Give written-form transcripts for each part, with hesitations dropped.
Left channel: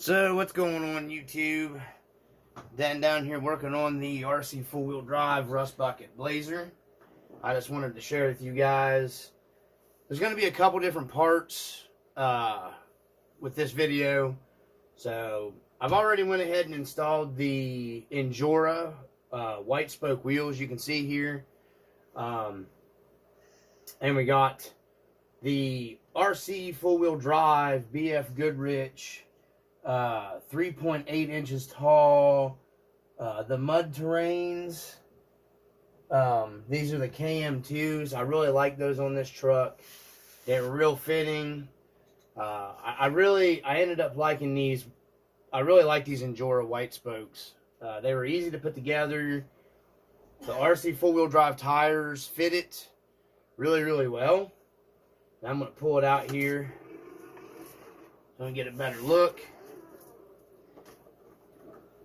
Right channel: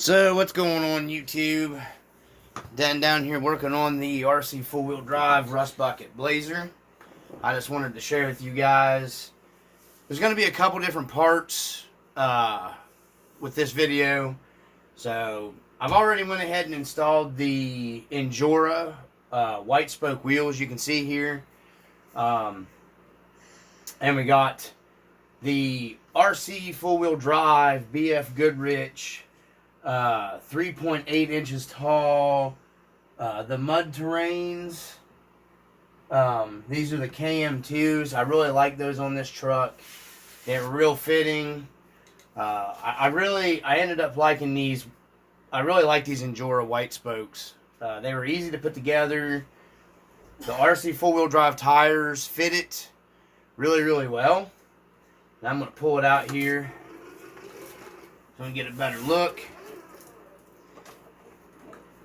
So what's going on YouTube? Dan down here working on the RC four-wheel drive Rustbucket Blazer. I just wanted to share with you guys. There's going to be a couple different parts with this video. So I've already went ahead and installed the Endura white spoke wheels you can see here. And we got the RC four-wheel drive BF Goodrich 3.8 inches tall, the mud terrains. These are the KM2s. I really like those on this truck. They're real fitting. I ended up liking these. I really like these Endura white spokes. They were easy to put together. The RC four-wheel drive tires fit it really well. Now I'm going to pull it out here. I'm going to get a better look.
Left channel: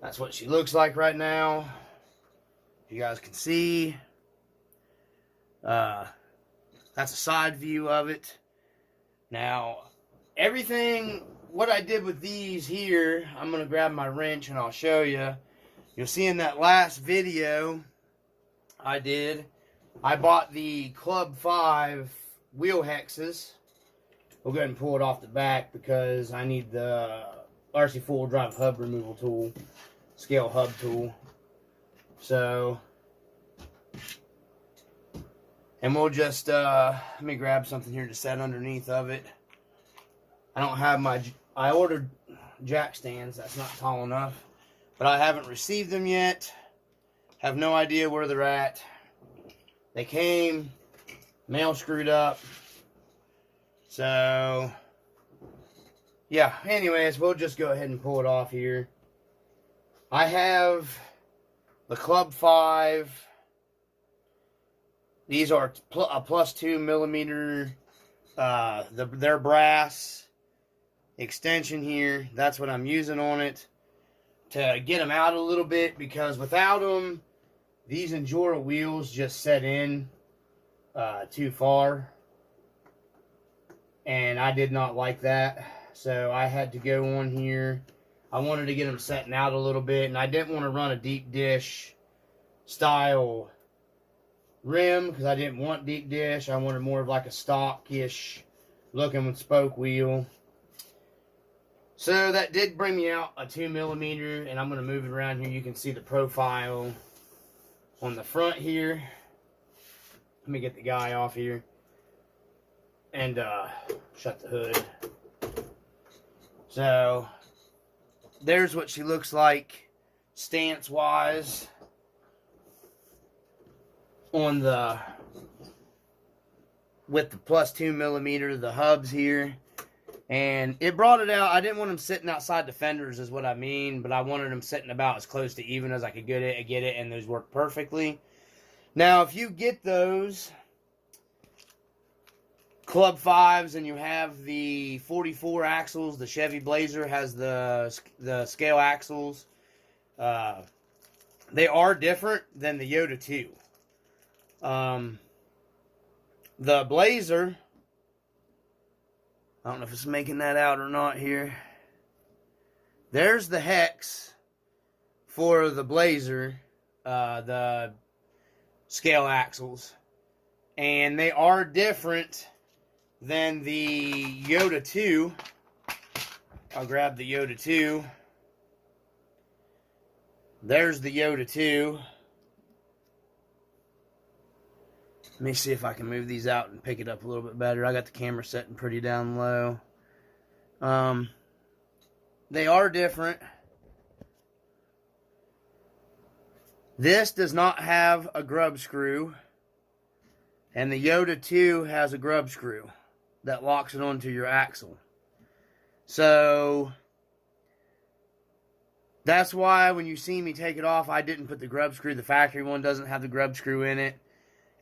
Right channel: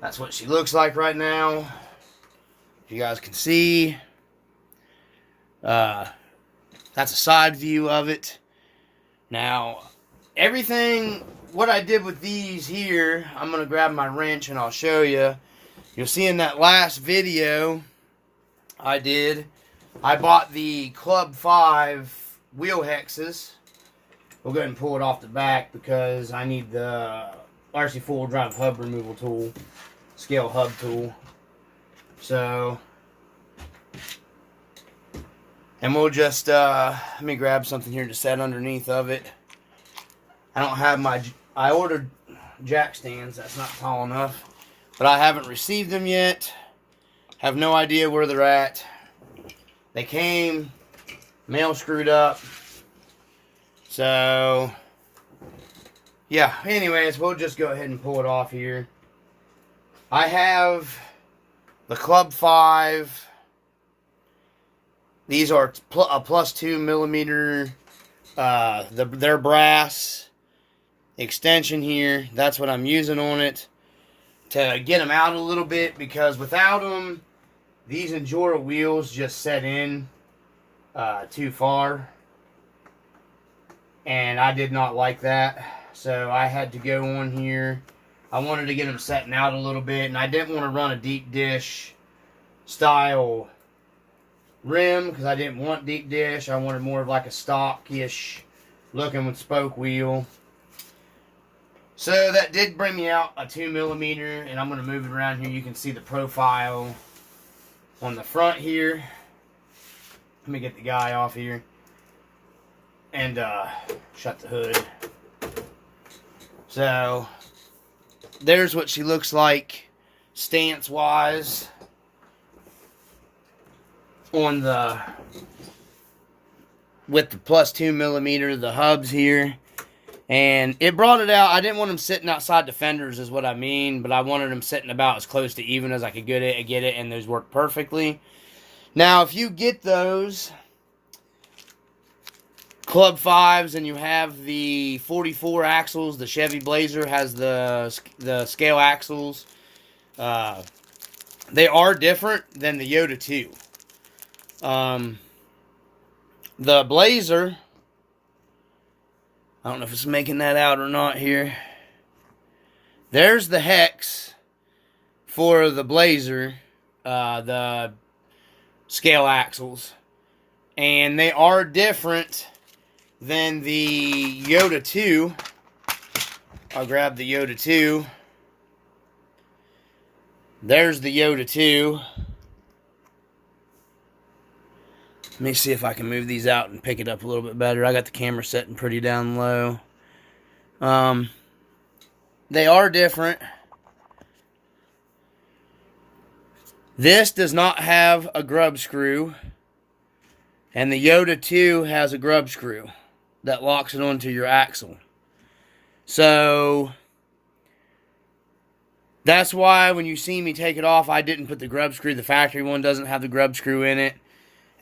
That's what she looks like right now. If you guys can see. That's a side view of it. Now, what I did with these here, I'm going to grab my wrench and I'll show you. You'll see in that last video I bought the Club 5 wheel hexes. We'll go ahead and pull it off the back because I need the RC four-wheel drive hub removal tool, scale hub tool. So, and we'll just, let me grab something here to set underneath of it. I ordered jack stands, that's not tall enough, but I haven't received them yet. Have no idea where they're at. They came, mail screwed up. So, yeah, anyways, we'll just go ahead and pull it off here. I have the Club 5. These are a plus 2 millimeter, their brass extension here. That's what I'm using on it to get them out a little bit, because without them, these Endura wheels just set in too far. And I did not like that. So I had to go on here. I wanted to get them setting out a little bit. And I didn't want to run a deep dish style rim, because I didn't want deep dish. I wanted more of like a stock-ish looking with spoke wheel. So that did bring me out a 2 millimeter. And I'm going to move it around here. You can see the profile on the front here. Let me get the guy off here. And shut the hood. So there's what she looks like stance wise on with the plus 2 millimeter, the hubs here. And it brought it out. I didn't want them sitting outside the fenders is what I mean, but I wanted them sitting about as close to even as I could get it, and those work perfectly. Now if you get those Club 5s and you have the 44 axles, the Chevy Blazer has the scale axles. They are different than the Yoda 2. The Blazer, I don't know if it's making that out or not here. There's the hex for the Blazer, the scale axles. And they are different than the Yoda 2. I'll grab the Yoda 2. There's the Yoda 2. Let me see if I can move these out and pick it up a little bit better. I got the camera setting pretty down low. They are different. This does not have a grub screw. And the Yoda 2 has a grub screw that locks it onto your axle. So that's why when you see me take it off, I didn't put the grub screw. The factory one doesn't have the grub screw in it.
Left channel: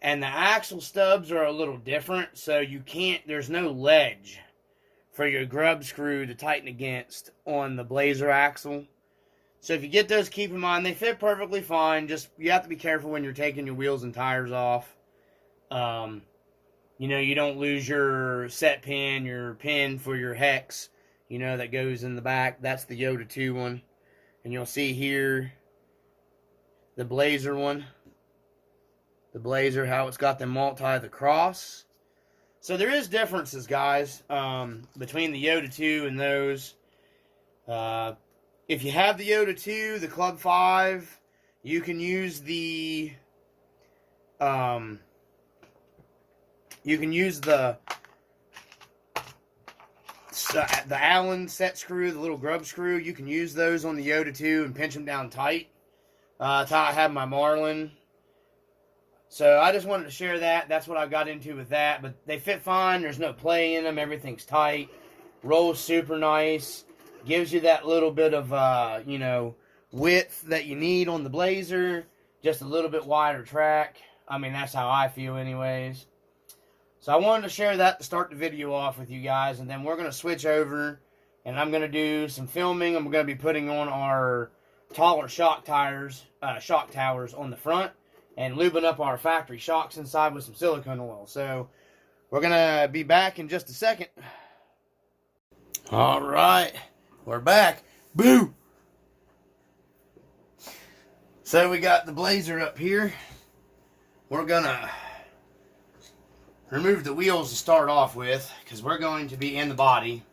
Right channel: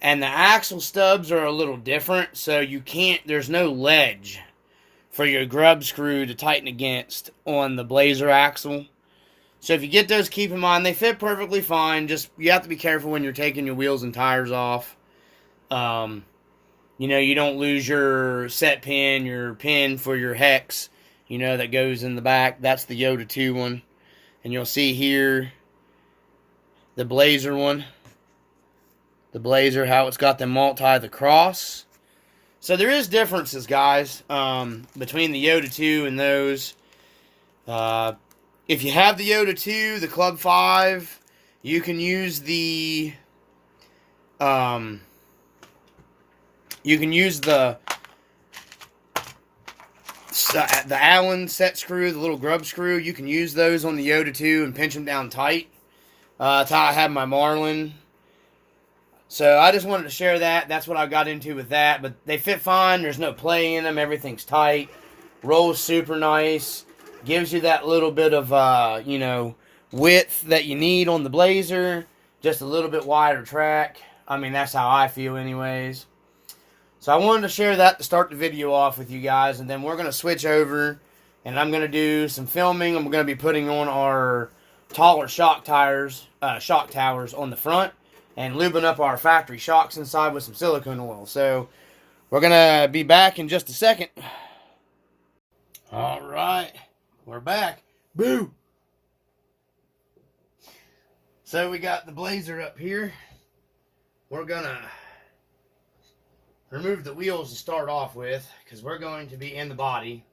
And the axle stubs are a little different, so you can't, there's no ledge for your grub screw to tighten against on the Blazer axle. So if you get those, keep in mind, they fit perfectly fine. Just, you have to be careful when you're taking your wheels and tires off. You know, you don't lose your set pin, your pin for your hex. you know, that goes in the back. That's the Yoda 2 one. And you'll see here the Blazer one. The Blazer, how it's got the the cross. So there is differences, guys, between the Yoda 2 and those. If you have the Yoda 2, the Club 5, you can use the Allen set screw, the little grub screw. You can use those on the Yoda 2 and pinch them down tight. That's how I have my Marlin. So I just wanted to share that. That's what I got into with that. But they fit fine. There's no play in them. Everything's tight. Rolls super nice. Gives you that little bit of, you know, width that you need on the Blazer. Just a little bit wider track. I mean, that's how I feel anyways. So I wanted to share that to start the video off with you guys. And then we're going to switch over. And I'm going to do some filming. I'm going to be putting on our taller shock towers on the front. And lubing up our factory shocks inside with some silicone oil. So we're going to be back in just a second. Alright. We're back. Boo! So we got the Blazer up here. We're going to remove the wheels to start off with, because we're going to be in the body.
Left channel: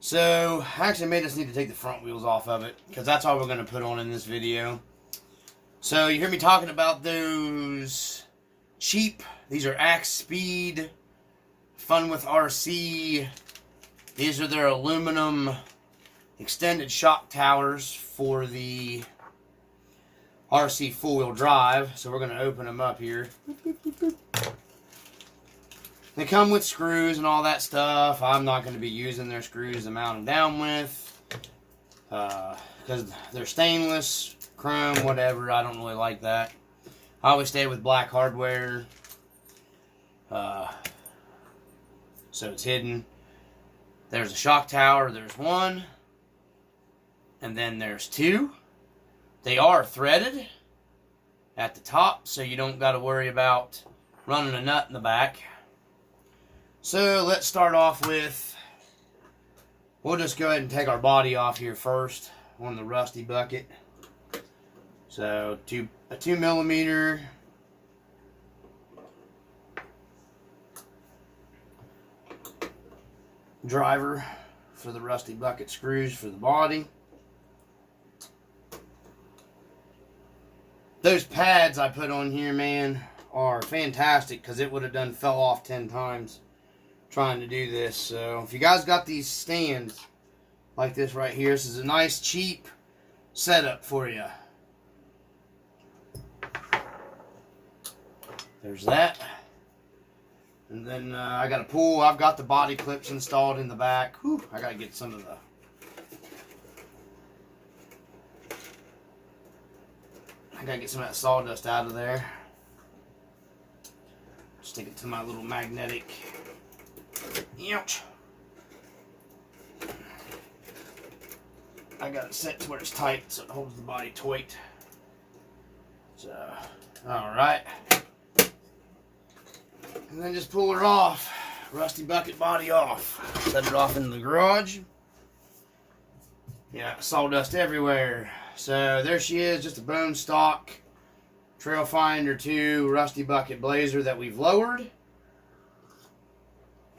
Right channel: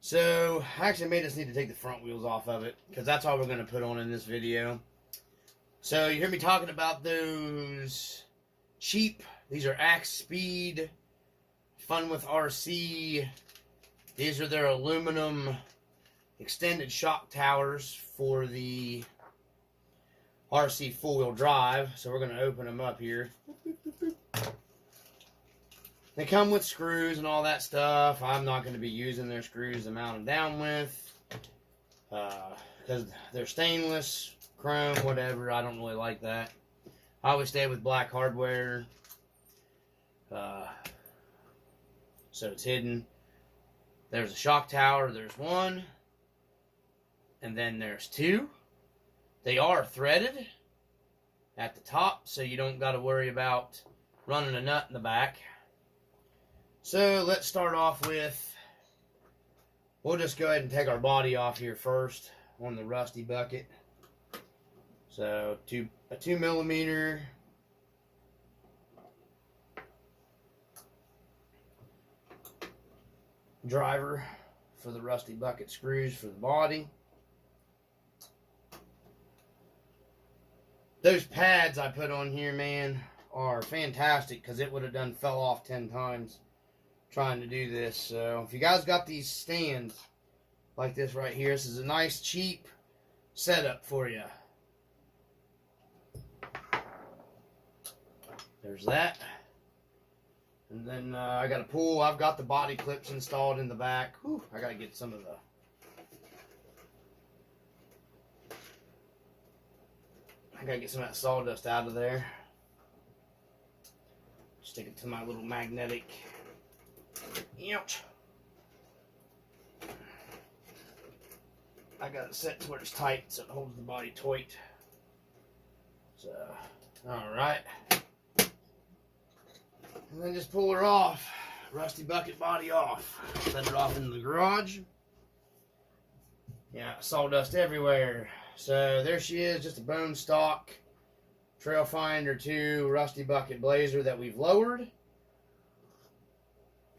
So I actually may just need to take the front wheels off of it, because that's all we're going to put on in this video. So you hear me talking about those cheap, these are Axe Speed, Fun with RC. These are their aluminum extended shock towers for the RC four-wheel drive. So we're going to open them up here. They come with screws and all that stuff. I'm not going to be using their screws to mount them down with, because they're stainless, chrome, whatever. I don't really like that. I always stay with black hardware, so it's hidden. There's a shock tower. There's one, and then there's two. They are threaded at the top, so you don't got to worry about running a nut in the back. So let's start off with, we'll just go ahead and take our body off here first on the Rustbucket. So a 2mm driver for the Rustbucket screws for the body. Those pads I put on here, man, are fantastic, because it would have done fell off 10 times trying to do this. So if you guys got these stands like this right here, this is a nice cheap setup for you. There's that. And then I got a pull. I've got the body clips installed in the back. Whew, I got to get some of the... I got to get some of that sawdust out of there. Stick it to my little magnetic... Ouch. I got it set to where it's tight so it holds the body tight. So, alright. And then just pull her off. Rustbucket body off. Set it off in the garage. Yeah, sawdust everywhere. So there she is, just a bone stock Trail Finder 2 Rustbucket Blazer that we've lowered.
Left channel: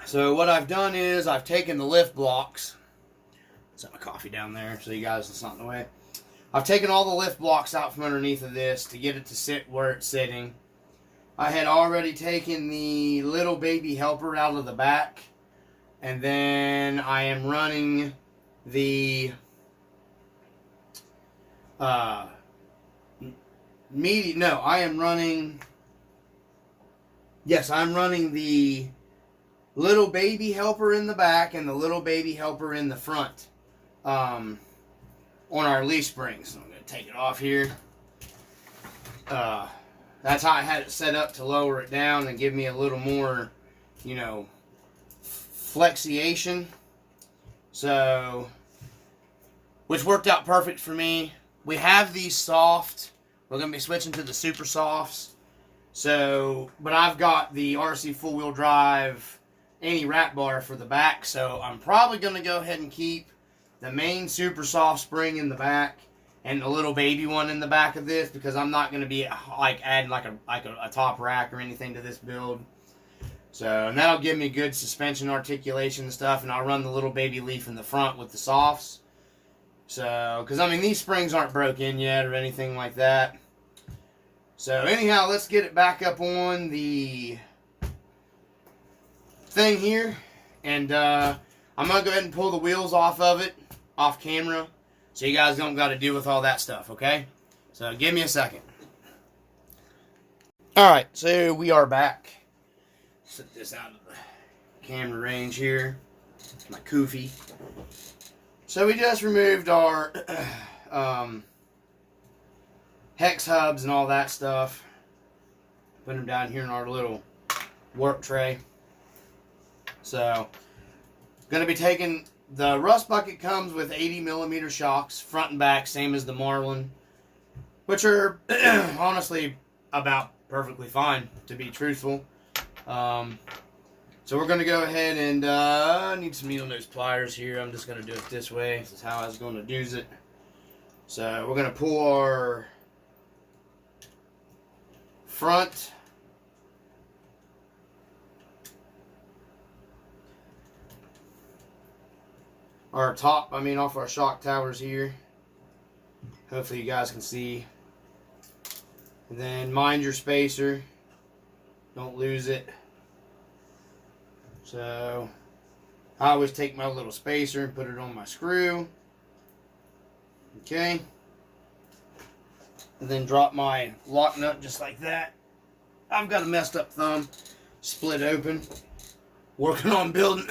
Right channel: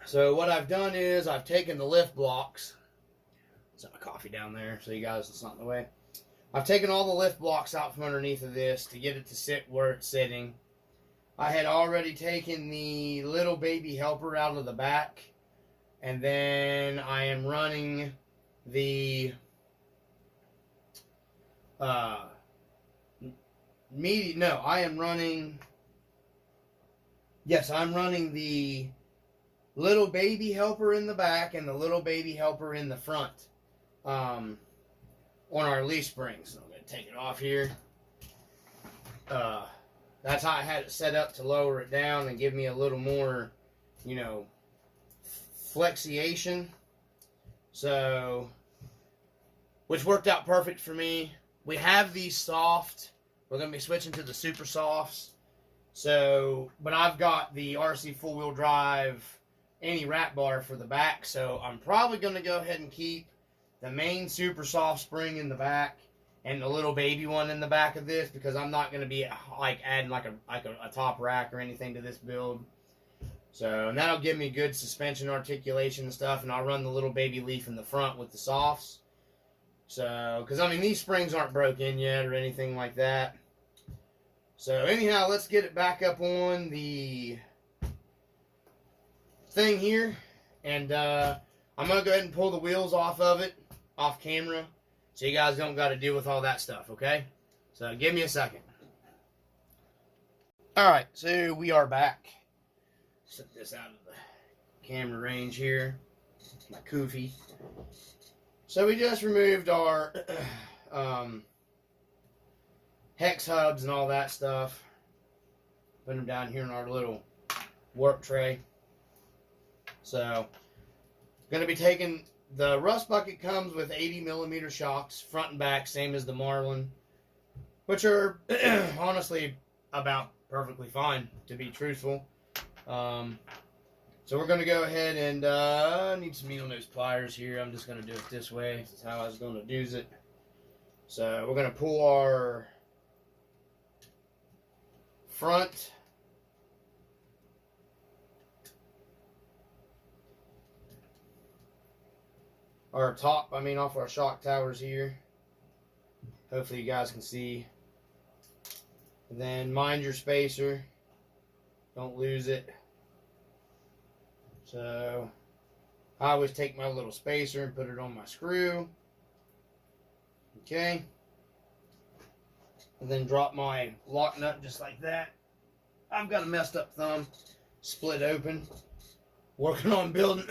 So what I've done is I've taken the lift blocks. Set my coffee down there so you guys, it's not in the way. I've taken all the lift blocks out from underneath of this to get it to sit where it's sitting. I had already taken the little baby helper out of the back, and then I am running the I'm running the little baby helper in the back and the little baby helper in the front on our leaf springs. So I'm going to take it off here. That's how I had it set up to lower it down and give me a little more, you know, flexiation. So, which worked out perfect for me. We have these soft. We're going to be switching to the super softs. So, but I've got the RC four-wheel drive any wrap bar for the back, so I'm probably going to go ahead and keep the main super soft spring in the back and the little baby one in the back of this, because I'm not going to be like adding like a top rack or anything to this build. So, and that'll give me good suspension articulation and stuff, and I'll run the little baby leaf in the front with the softs. So, because I mean, these springs aren't broke in yet or anything like that. So anyhow, let's get it back up on the thing here, and I'm going to go ahead and pull the wheels off of it, off camera, so you guys don't got to deal with all that stuff, okay? So give me a second. Alright, so we are back. Set this out of the camera range here. My koofy. So we just removed our hex hubs and all that stuff. Put them down here in our little work tray. So, going to be taking, the Rustbucket comes with 80mm shocks, front and back, same as the Marlin, which are honestly about perfectly fine, to be truthful. So we're going to go ahead and, I need some needle nose pliers here. I'm just going to do it this way. This is how I was going to do it. So we're going to pull our front off our shock towers here. Hopefully you guys can see. And then mind your spacer. Don't lose it. So I always take my little spacer and put it on my screw. Okay. And then drop my lock nut just like that. I've got a messed up thumb, split open. Working on building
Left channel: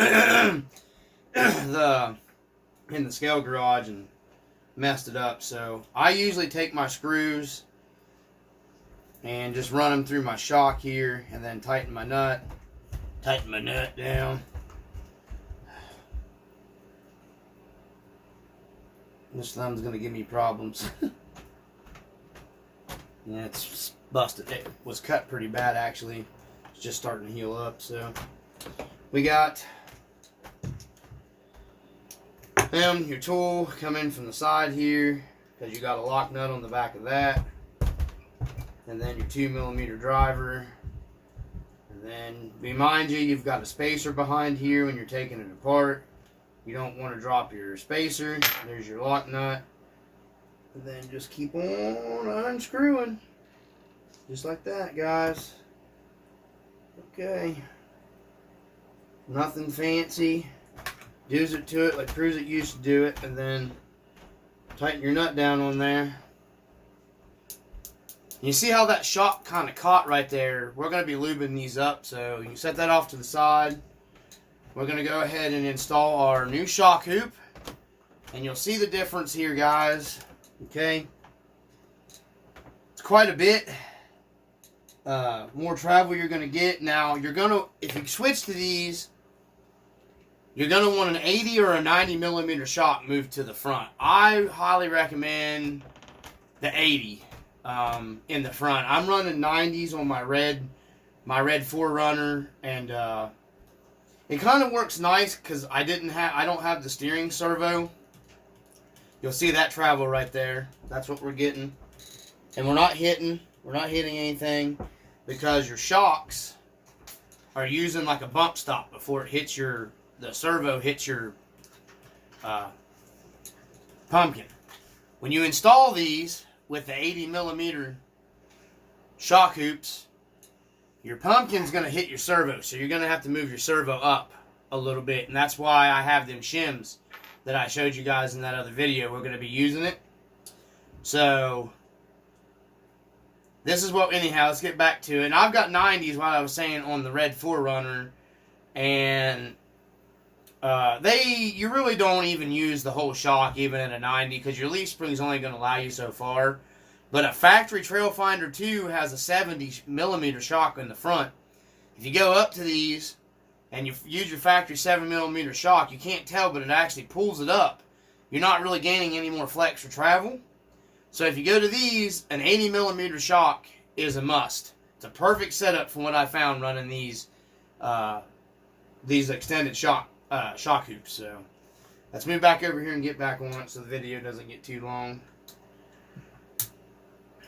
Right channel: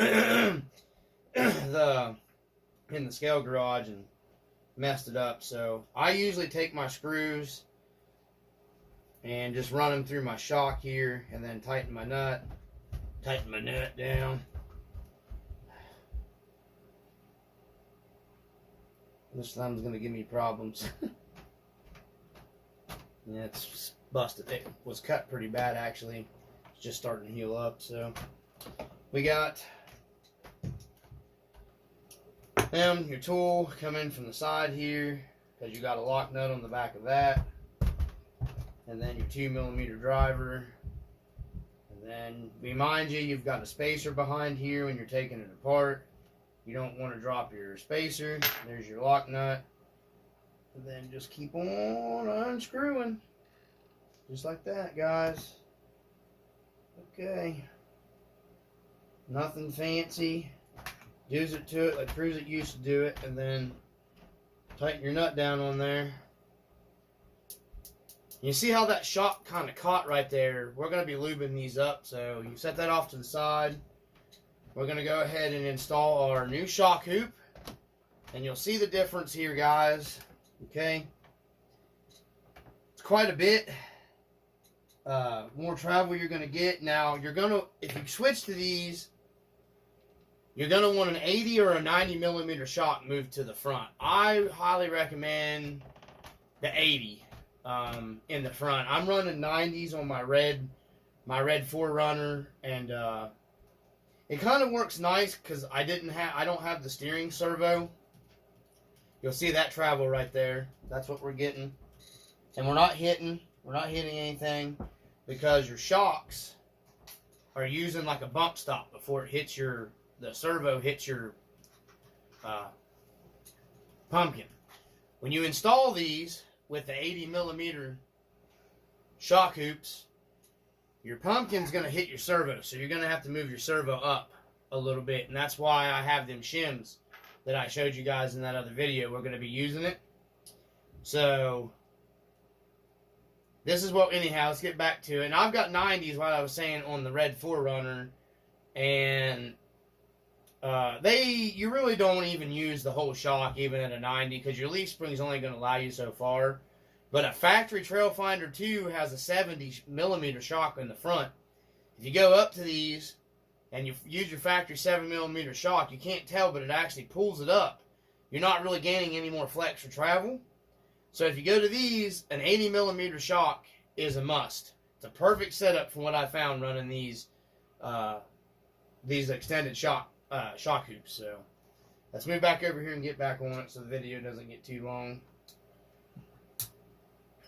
in the scale garage and messed it up. So I usually take my screws and just run them through my shock here, and then tighten my nut down. This thumb's gonna give me problems. Yeah, it's busted. It was cut pretty bad actually. It's just starting to heal up. So we got your tool coming from the side here, because you got a lock nut on the back of that, and then your 2mm driver. And then remind you, you've got a spacer behind here when you're taking it apart. You don't want to drop your spacer. There's your lock nut. And then just keep on unscrewing. Just like that, guys. Okay. Nothing fancy. Do's it to it like Cruise It used to do it. And then tighten your nut down on there. You see how that shock kind of caught right there? We're going to be lubing these up. So you can set that off to the side. We're going to go ahead and install our new shock hoop. And you'll see the difference here, guys. Okay. It's quite a bit more travel you're going to get. Now, you're going to, if you switch to these, you're going to want an 80 or a 90mm shock moved to the front. I highly recommend the 80 in the front. I'm running 90s on my red 4Runner, and it kind of works nice because I don't have the steering servo. You'll see that travel right there. That's what we're getting. And we're not hitting anything, because your shocks are using like a bump stop before it hits the servo hits your pumpkin. When you install these with the 80mm shock hoops, your pumpkin's going to hit your servo, so you're going to have to move your servo up a little bit, and that's why I have them shims that I showed you guys in that other video. We're going to be using it. So this is what, anyhow, let's get back to it. And I've got 90s, what I was saying, on the red 4Runner, and you really don't even use the whole shock even at a 90, because your leaf spring is only going to allow you so far. But a factory Trail Finder 2 has a 70mm shock in the front. If you go up to these and you use your factory 7mm shock, you can't tell, but it actually pulls it up. You're not really gaining any more flex for travel. So if you go to these, an 80mm shock is a must. It's a perfect setup from what I found running these these extended shock hoops. So let's move back over here and get back on it so the video doesn't get too long.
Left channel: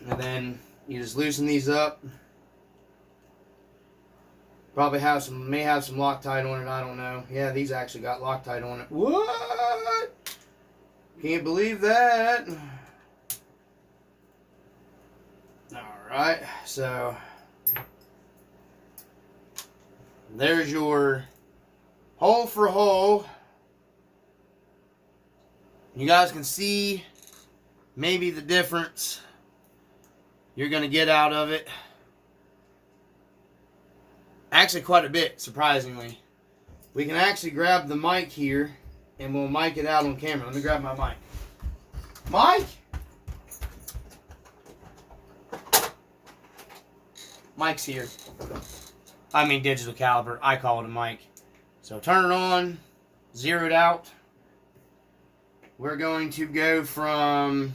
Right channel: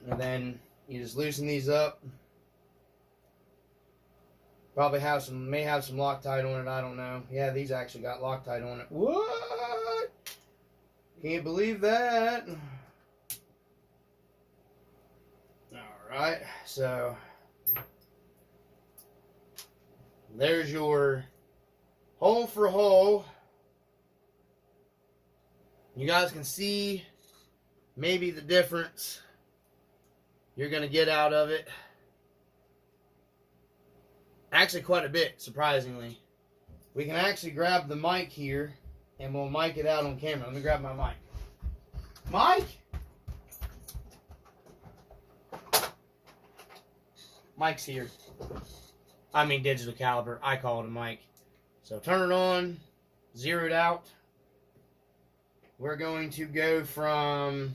And then you just loosen these up. Probably may have some Loctite on it, I don't know. Yeah, these actually got Loctite on it. What? Can't believe that. Alright, so there's your hole for hole. You guys can see maybe the difference you're going to get out of it. Actually, quite a bit, surprisingly. We can actually grab the mic here, and we'll mic it out on camera. Let me grab my mic. Mic? Mic's here. I mean digital caliber. I call it a mic. So turn it on. Zero it out. We're going to go from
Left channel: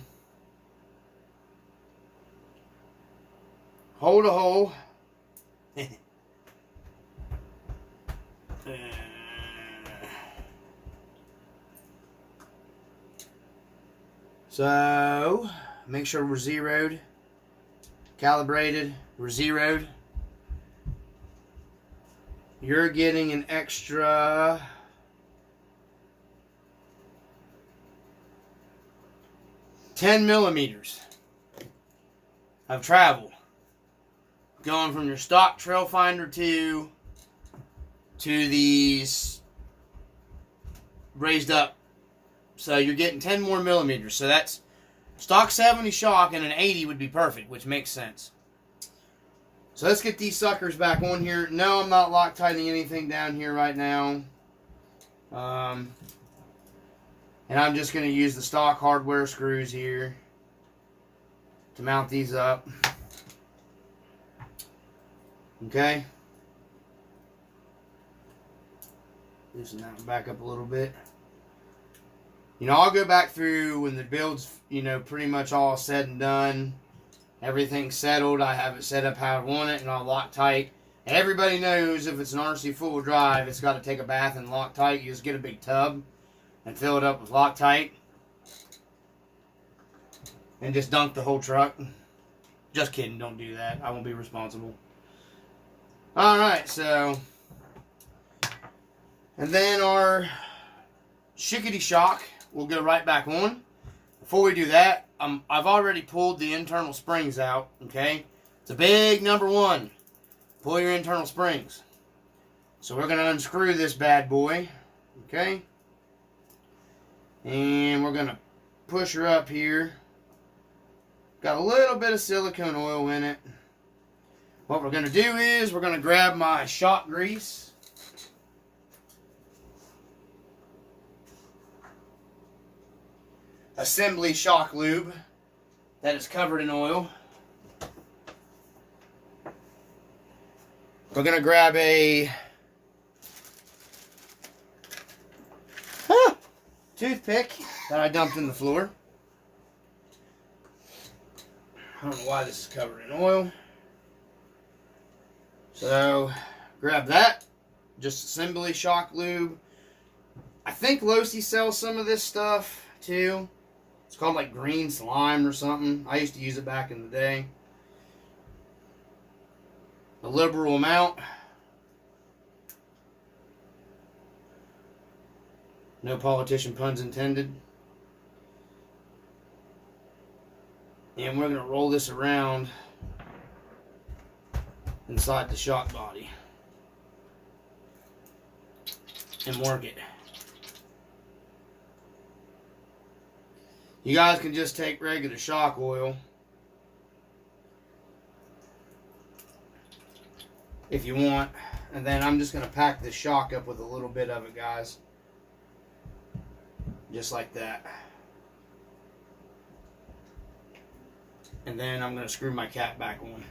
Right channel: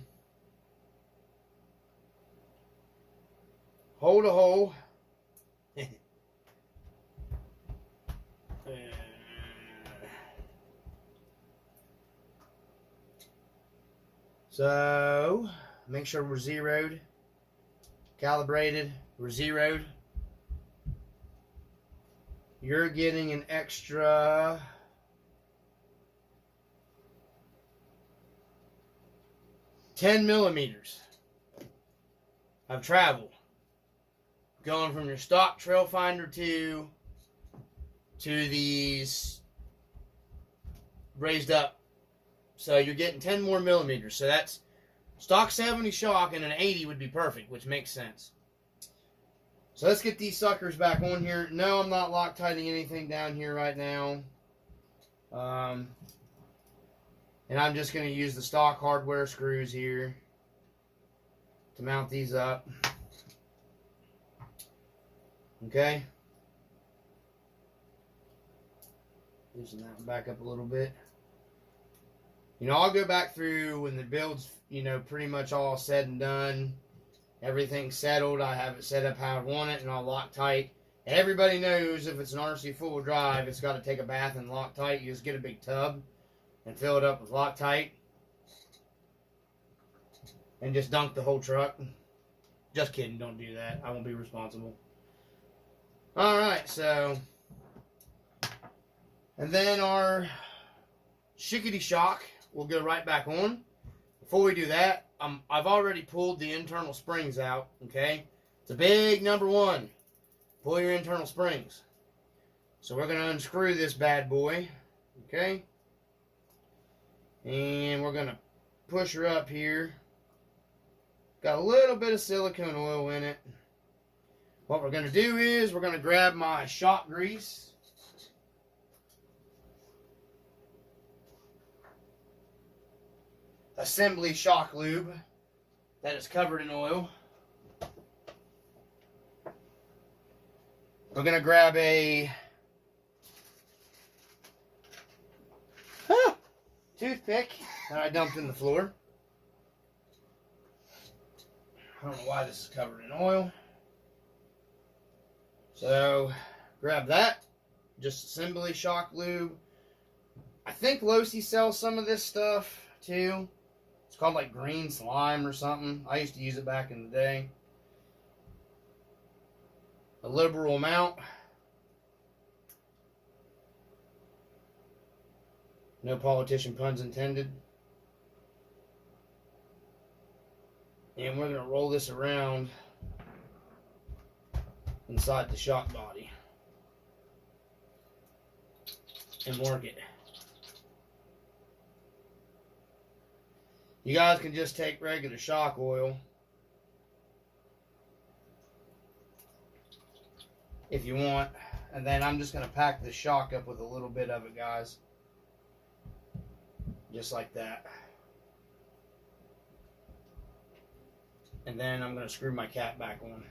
hole to hole. So, make sure we're zeroed, calibrated, we're zeroed. You're getting an extra 10 millimeters of travel going from your stock trail finder to these raised up. So you're getting 10 more millimeters. So that's stock 70 shock, and an 80 would be perfect, which makes sense. So let's get these suckers back on here. No, I'm not Loctiting anything down here right now. And I'm just going to use the stock hardware screws here to mount these up. Okay. Loosen that one back up a little bit. You know, I'll go back through when the build's, you know, pretty much all said and done. Everything's settled. I have it set up how I want it, and I'll Loctite. And everybody knows if it's an RC four-wheel drive, it's got to take a bath in Loctite. You just get a big tub and fill it up with Loctite. And just dunk the whole truck. Just kidding, don't do that. I won't be responsible. Alright, so. And then our shickety shock will go right back on. Before we do that, I've already pulled the internal springs out, okay? It's a big number one. Pull your internal springs. So we're going to unscrew this bad boy, okay? And we're going to push her up here. Got a little bit of silicone oil in it. What we're going to do is we're going to grab my shock grease. Assembly shock lube that is covered in oil. We're going to grab a toothpick that I dumped in the floor. I don't know why this is covered in oil. So, grab that. Just assembly shock lube. I think Losi sells some of this stuff too. It's called like green slime or something. I used to use it back in the day. A liberal amount. No politician puns intended. And we're going to roll this around inside the shock body and work it. You guys can just take regular shock oil if you want, and then I'm just going to pack this shock up with a little bit of it, guys, just like that. And then I'm going to screw my cap back on.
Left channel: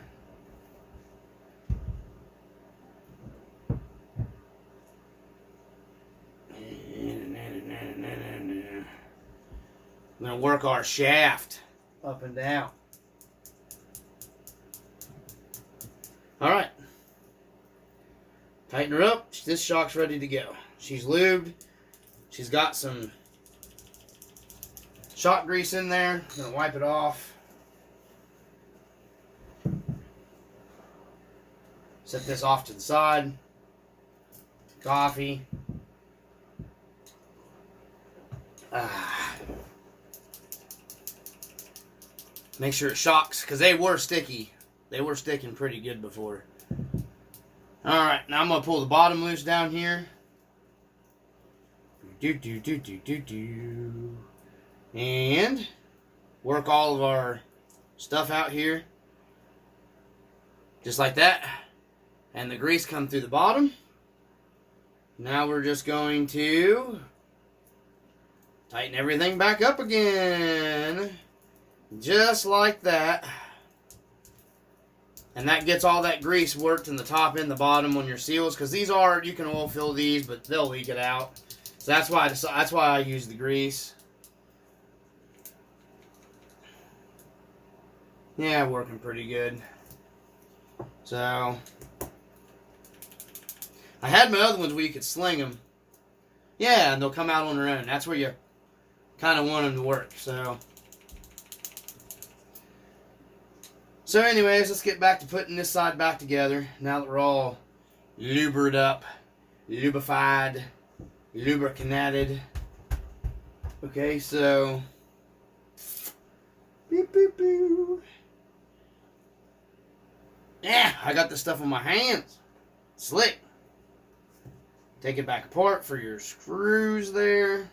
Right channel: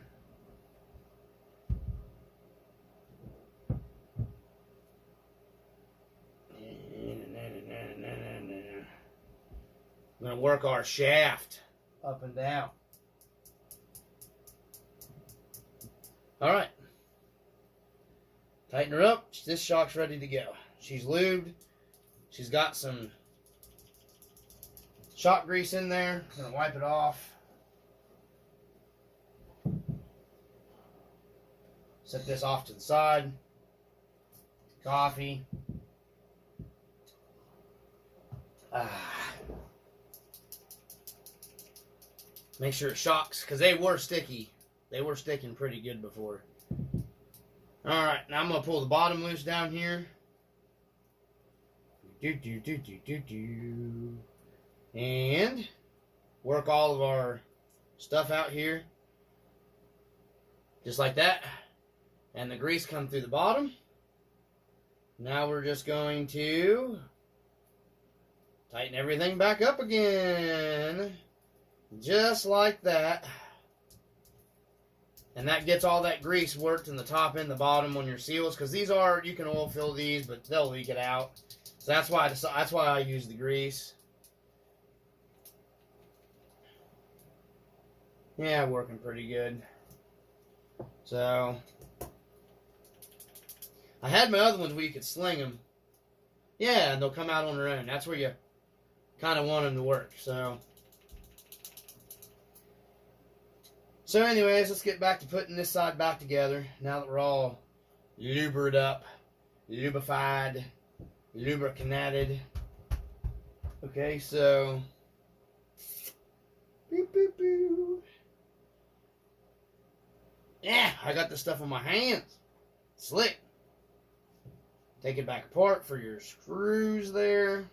I'm going to work our shaft up and down. Alright. Tighten her up. This shock's ready to go. She's lubed. She's got some shock grease in there. I'm going to wipe it off. Set this off to the side. Coffee. Make sure it shocks, because they were sticky. They were sticking pretty good before. Alright, now I'm going to pull the bottom loose down here. And work all of our stuff out here. Just like that. And the grease come through the bottom. Now we're just going to tighten everything back up again. Just like that. And that gets all that grease worked in the top and the bottom on your seals. Because these are, you can oil fill these, but they'll leak it out. So that's why I use the grease. Yeah, working pretty good. So I had my other ones where you could sling them. Yeah, and they'll come out on their own. That's where you kind of want them to work. So anyways, let's get back to putting this side back together. Now that we're all lubered up, lubrified, lubricated. Okay, so beep, beep, beep. Yeah, I got this stuff on my hands. Slick. Take it back apart for your screws there.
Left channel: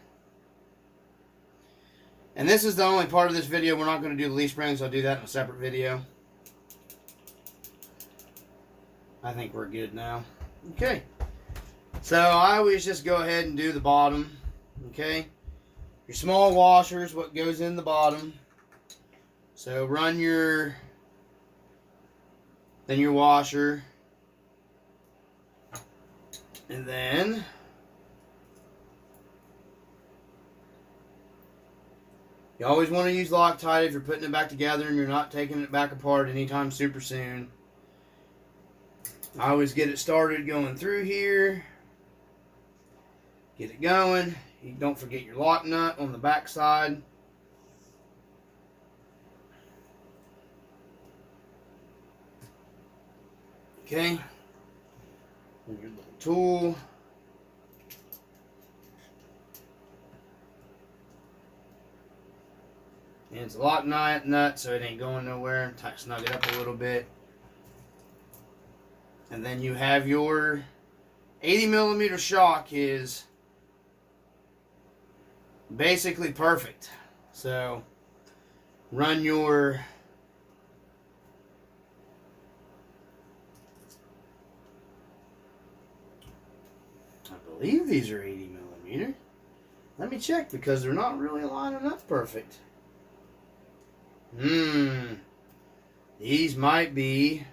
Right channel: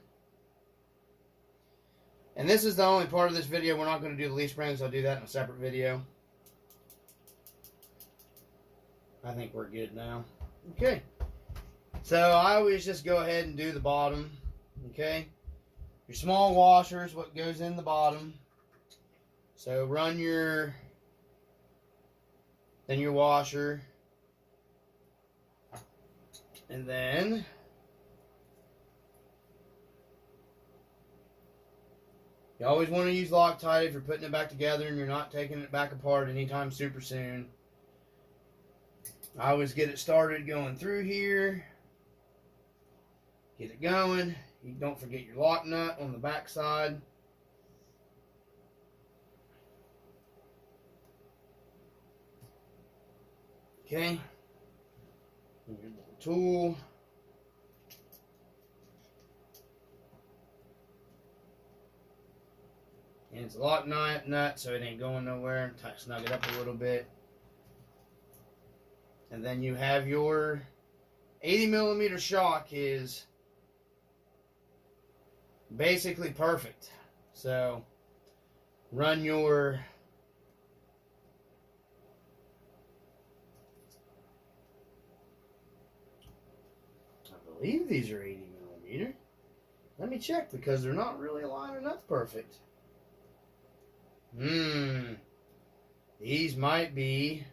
And this is the only part of this video. We're not going to do the leaf springs. I'll do that in a separate video. I think we're good now. Okay. So I always just go ahead and do the bottom. Okay. Your small washers, what goes in the bottom. So run your washer. And then you always want to use Loctite if you're putting it back together and you're not taking it back apart anytime super soon. I always get it started going through here. Get it going. You don't forget your lock nut on the back side. Okay. And your little tool. And it's a lock nut so it ain't going nowhere. Snug it up a little bit. And then you have your 80mm shock is basically perfect. So run your I believe these are 80mm. Let me check because they're not really lining up perfect. These might be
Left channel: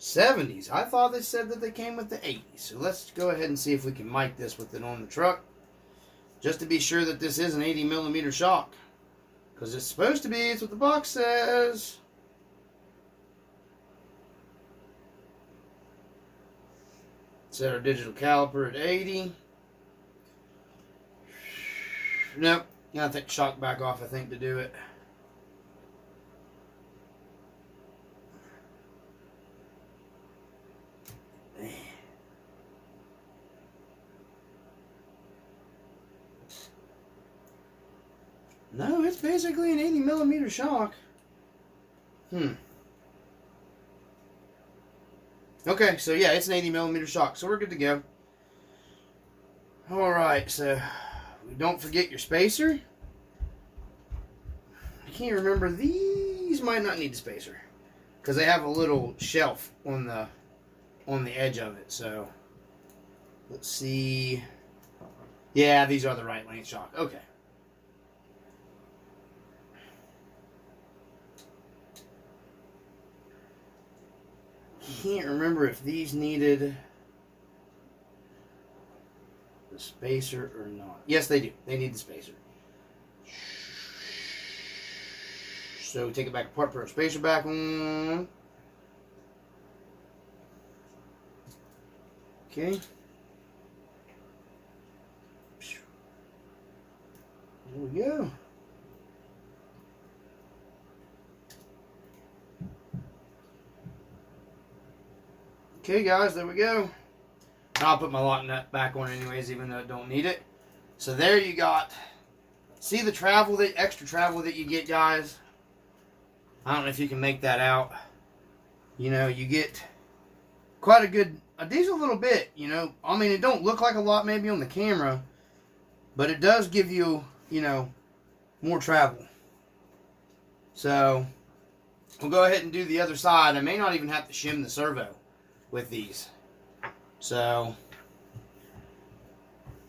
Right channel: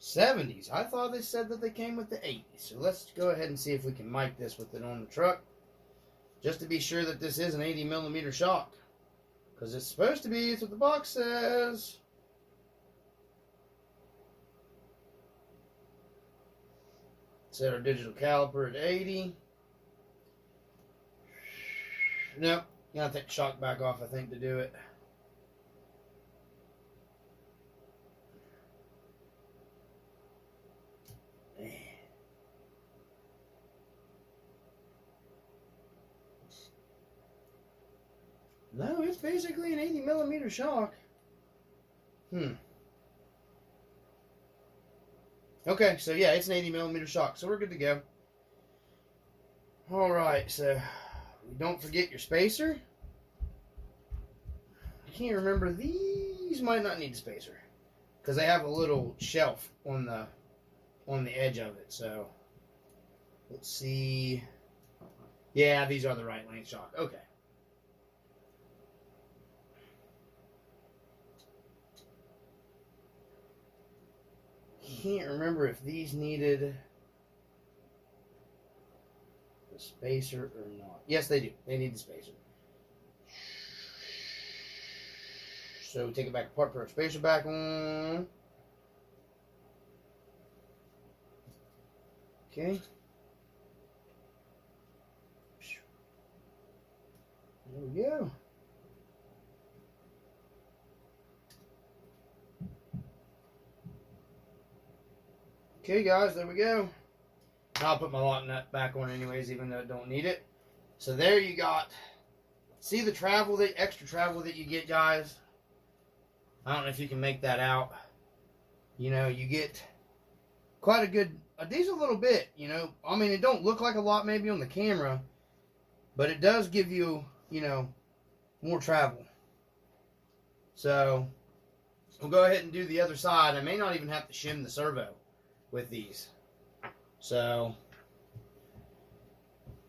70s. I thought they said that they came with the 80s. So let's go ahead and see if we can mic this with it on the truck. Just to be sure that this is an 80mm shock. Because it's supposed to be. It's what the box says. Set our digital caliper at 80. Nope. Gotta take the shock back off, I think, to do it. No, it's basically an 80mm shock. Okay, so yeah, it's an 80mm shock, so we're good to go. Alright, so don't forget your spacer. I can't remember, these might not need a spacer. Because they have a little shelf on the edge of it, so let's see. Yeah, these are the right length shock. Okay. Can't remember if these needed the spacer or not. Yes, they do. They need the spacer. So take it back apart, put our spacer back on. Okay. There we go. Okay, guys, there we go. I'll put my lock nut back on anyways, even though I don't need it. So there you got. See the travel, the extra travel that you get, guys? I don't know if you can make that out. You know, you get quite a decent little bit, you know. I mean, it don't look like a lot maybe on the camera, but it does give you, you know, more travel. So, we'll go ahead and do the other side. I may not even have to shim the servo with these. So,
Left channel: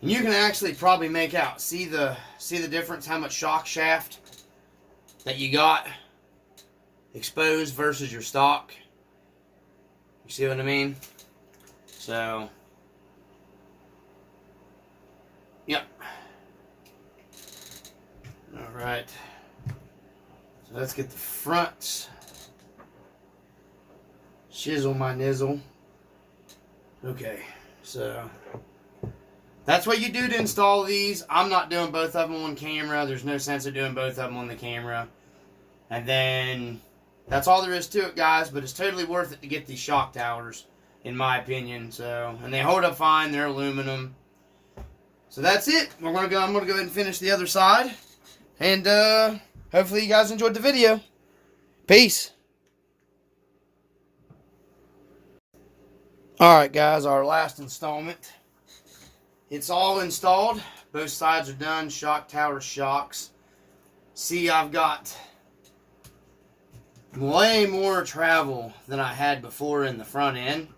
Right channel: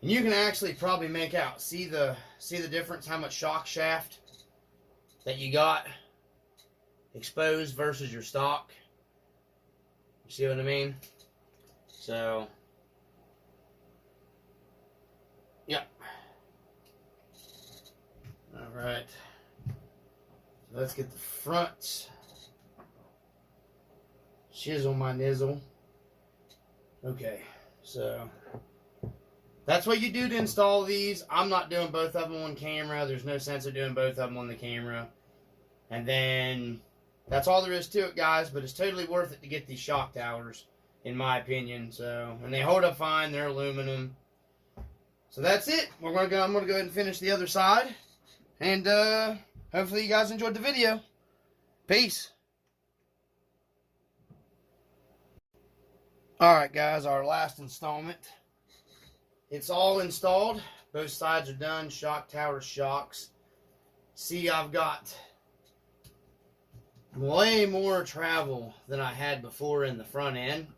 and you can actually probably make out, see the difference, how much shock shaft that you got exposed versus your stock. You see what I mean? So, yep. Alright. So let's get the fronts. Shizzle my nizzle. Okay, so that's what you do to install these. I'm not doing both of them on camera. There's no sense of doing both of them on the camera. And then that's all there is to it, guys. But it's totally worth it to get these shock towers, in my opinion. So, and they hold up fine. They're aluminum. So that's it. I'm gonna go ahead and finish the other side. And hopefully you guys enjoyed the video. Peace. Alright, guys, our last installment. It's all installed. Both sides are done. Shock tower shocks. See, I've got way more travel than I had before in the front end.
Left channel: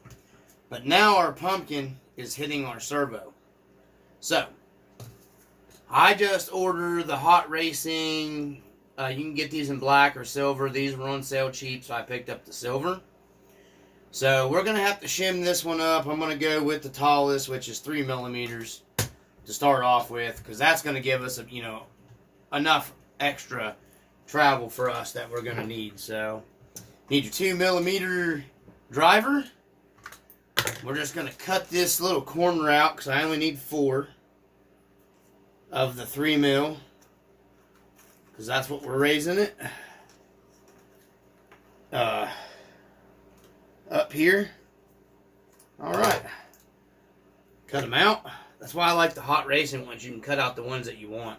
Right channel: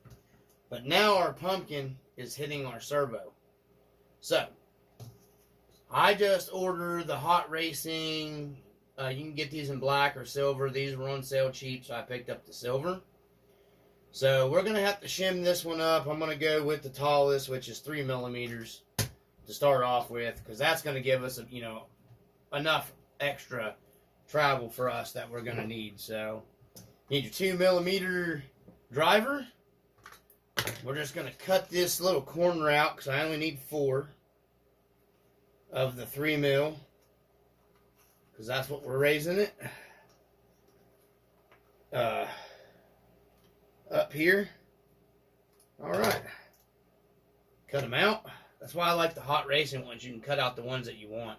But now our pumpkin is hitting our servo. So, I just ordered the Hot Racing. You can get these in black or silver. These were on sale cheap, so I picked up the silver. So we're going to have to shim this one up. I'm going to go with the tallest, which is 3 millimeters to start off with, because that's going to give us, you know, enough extra travel for us that we're going to need. So need your 2 millimeter driver. We're just going to cut this little corner out because I only need 4 of the 3 mil, because that's what we're raising it. Up here. Alright. Cut them out. That's why I like the Hot Racing ones. You can cut out the ones that you want.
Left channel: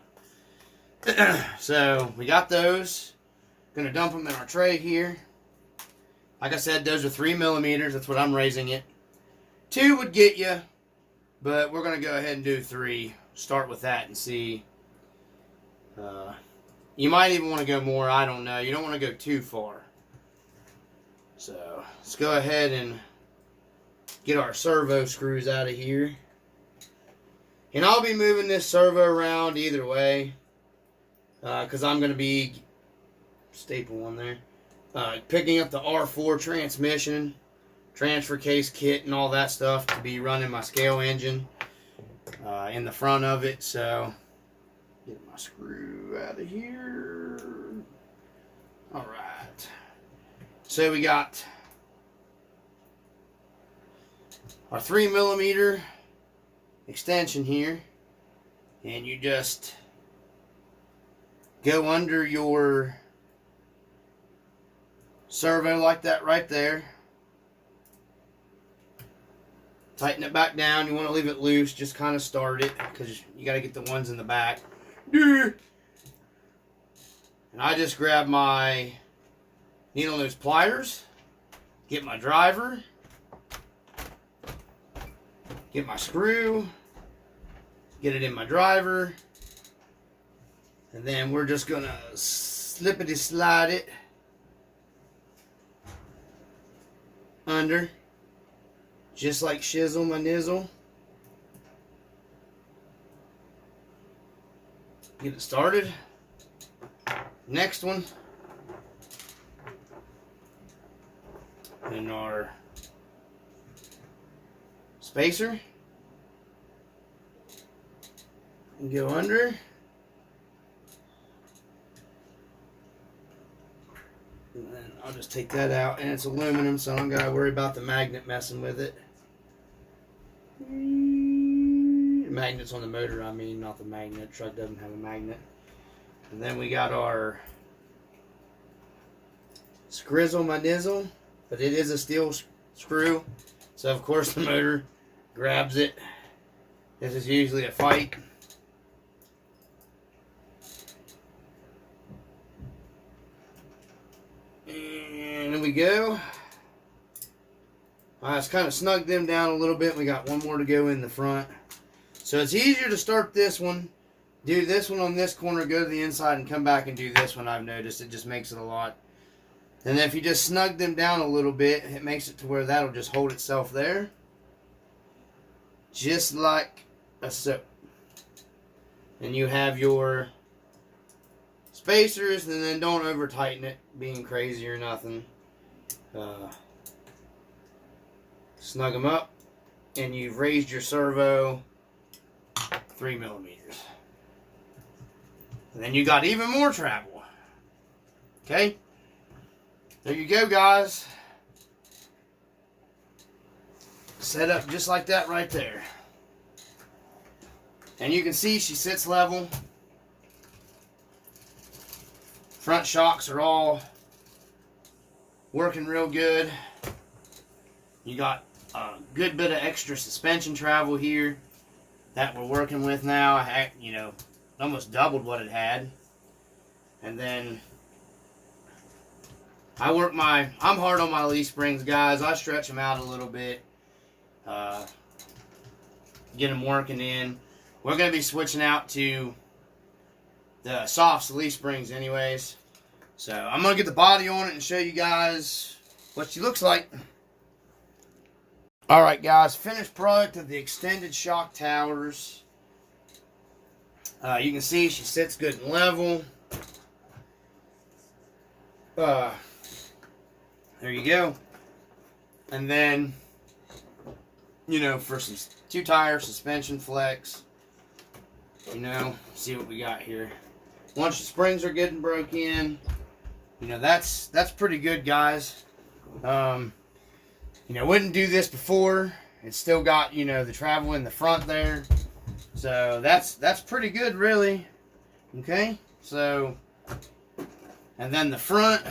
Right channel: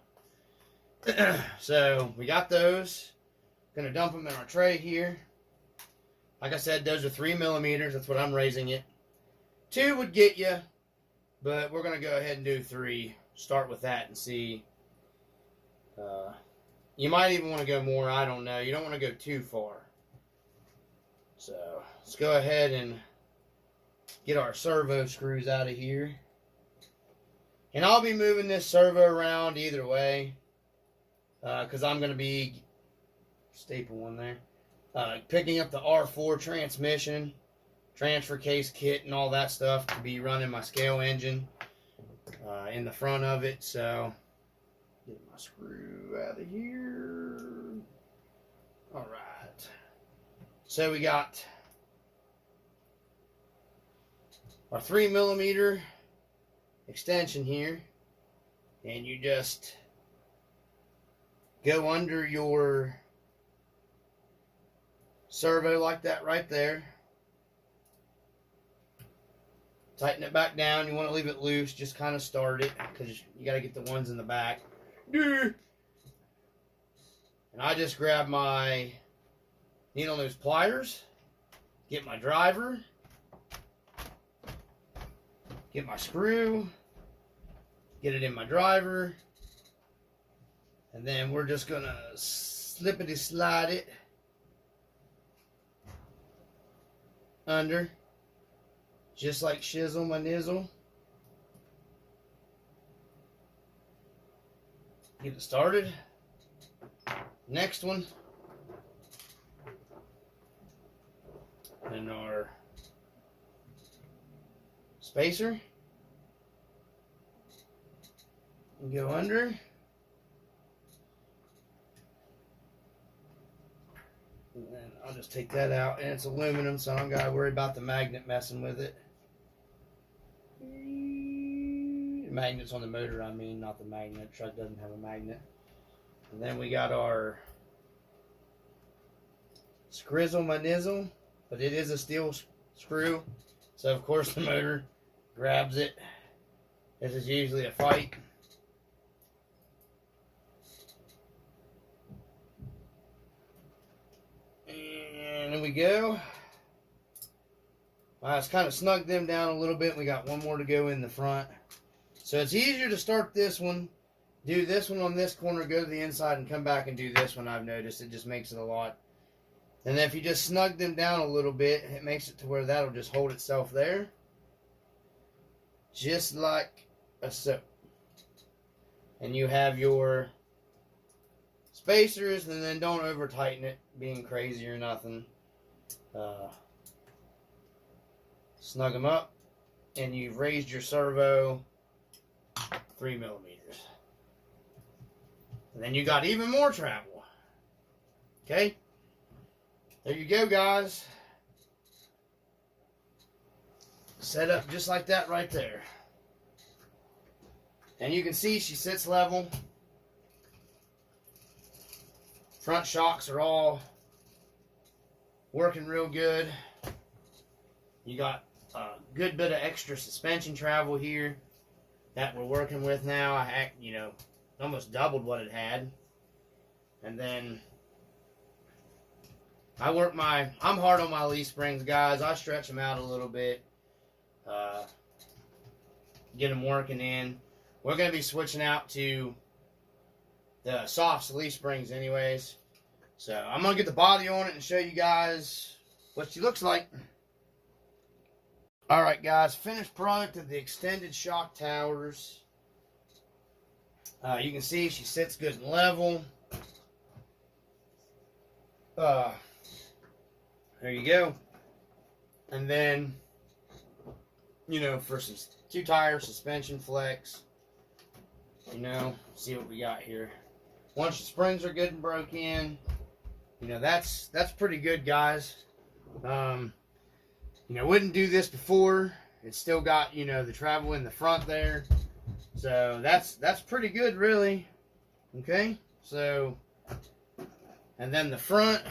So, we got those. Gonna dump them in our tray here. Like I said, those are 3 millimeters. That's what I'm raising it. 2 would get you, but we're gonna go ahead and do 3. Start with that and see. You might even want to go more. I don't know. You don't want to go too far. So, let's go ahead and get our servo screws out of here. And I'll be moving this servo around either way, because I'm going to be, staple one there, picking up the R4 transmission, transfer case kit and all that stuff to be running my scale engine in the front of it. So, get my screw out of here. Alright. So we got our 3 millimeter extension here, and you just go under your servo like that right there. Tighten it back down. You want to leave it loose, just kind of start it, because you got to get the ones in the back. And I just grab my needle nose pliers, get my driver, get my screw, get it in my driver, and then we're just gonna slippity slide it under, just like shizzle my nizzle. Get it started. Next one. And our spacer. And go under. And then I'll just take that out. And it's aluminum, so I don't gotta worry about the magnet messing with it. Magnets on the motor, I mean, not the magnet. Truck doesn't have a magnet. And then we got our Skrizzle my nizzle, but it is a steel screw, so of course the motor grabs it. This is usually a fight. And there we go. I just kind of snugged them down a little bit. We got one more to go in the front. So it's easier to start this one, do this one on this corner, go to the inside, and come back and do this one. I've noticed it just makes it a lot. And then if you just snug them down a little bit, it makes it to where that'll just hold itself there. Just like a so. And you have your spacers, and then don't over tighten it, being crazy or nothing. Snug them up, and you've raised your servo 3 millimeters. And then you got even more travel. Okay? There you go, guys. Set up just like that right there. And you can see she sits level. Front shocks are all working real good. You got a good bit of extra suspension travel here that we're working with now. You know, almost doubled what it had. And then I'm hard on my leaf springs, guys. I stretch them out a little bit. Get them working in. We're going to be switching out to the soft leaf springs anyways. So I'm going to get the body on it and show you guys what she looks like. Alright guys, finished product of the extended shock towers. You can see she sits good and level. There you go. And then, you know, for some 2-tire suspension flex, you know, see what we got here. Once the springs are good and broke in, you know, that's pretty good, guys. You know, wouldn't do this before. It's still got, you know, the travel in the front there. So that's pretty good, really. Okay, so, and then the front,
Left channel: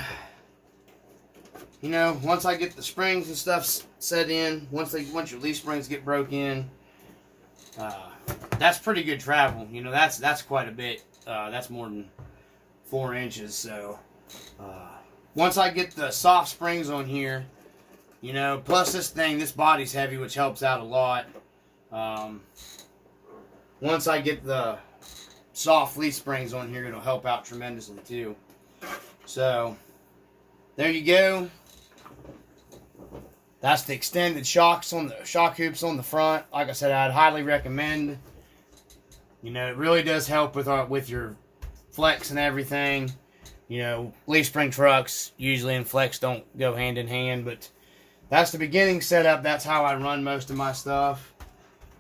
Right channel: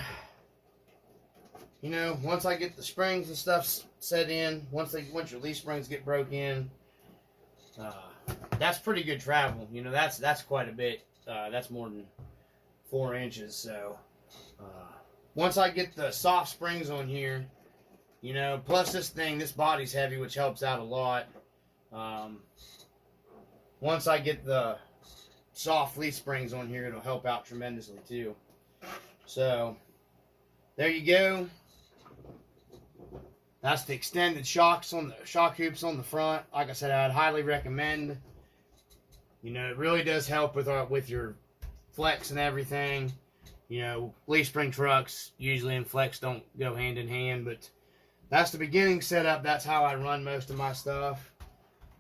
you know, once I get the springs and stuff set in, once your leaf springs get broke in, that's pretty good travel. You know, that's quite a bit. That's more than 4 inches. So once I get the soft springs on here, you know, plus this body's heavy, which helps out a lot. Once I get the soft leaf springs on here, it'll help out tremendously too. So there you go. That's the extended shock hoops on the front. Like I said, I'd highly recommend. You know, it really does help with your flex and everything. You know, leaf spring trucks usually and flex don't go hand in hand, but that's the beginning setup. That's how I run most of my stuff.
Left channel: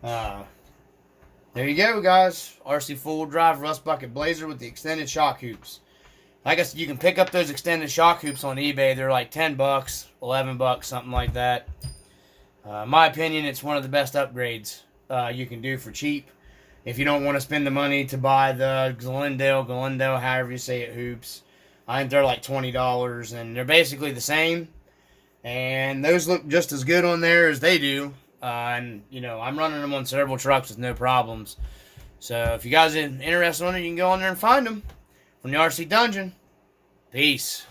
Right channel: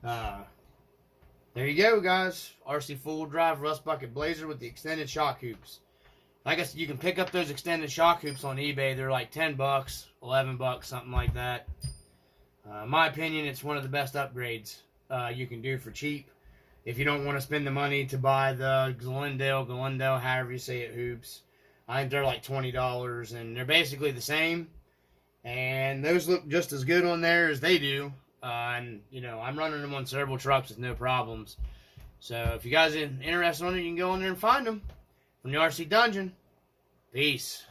There you go, guys. RC full drive Rustbucket Blazer with the extended shock hoops. I guess you can pick up those extended shock hoops on eBay. They're like $10, $11, something like that. In my opinion, it's one of the best upgrades you can do for cheap. If you don't want to spend the money to buy the Glendale, however you say it, hoops. I think they're like $20, and they're basically the same. And those look just as good on there as they do. And, you know, I'm running them on several trucks with no problems. So, if you guys are interested in it, you can go on there and find them from the RC Dungeon. Peace.